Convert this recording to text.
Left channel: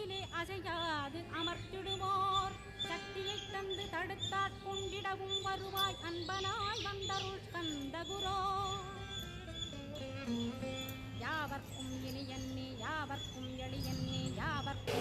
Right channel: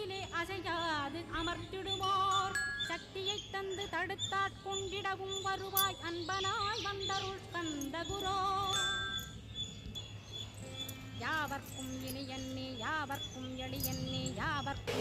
வீட்டிலே அசையாது அமர்த்திடுவோர் சக்தியை தந்து தடுத்தாட்கொண்டிடவும் வருவாய் அன்பனாய் வந்தருள் கந்தகுரோ. யாவர்க்கும் இனியன்னே யாவர்க்கும் எளியன்னே யாவர்க்கும்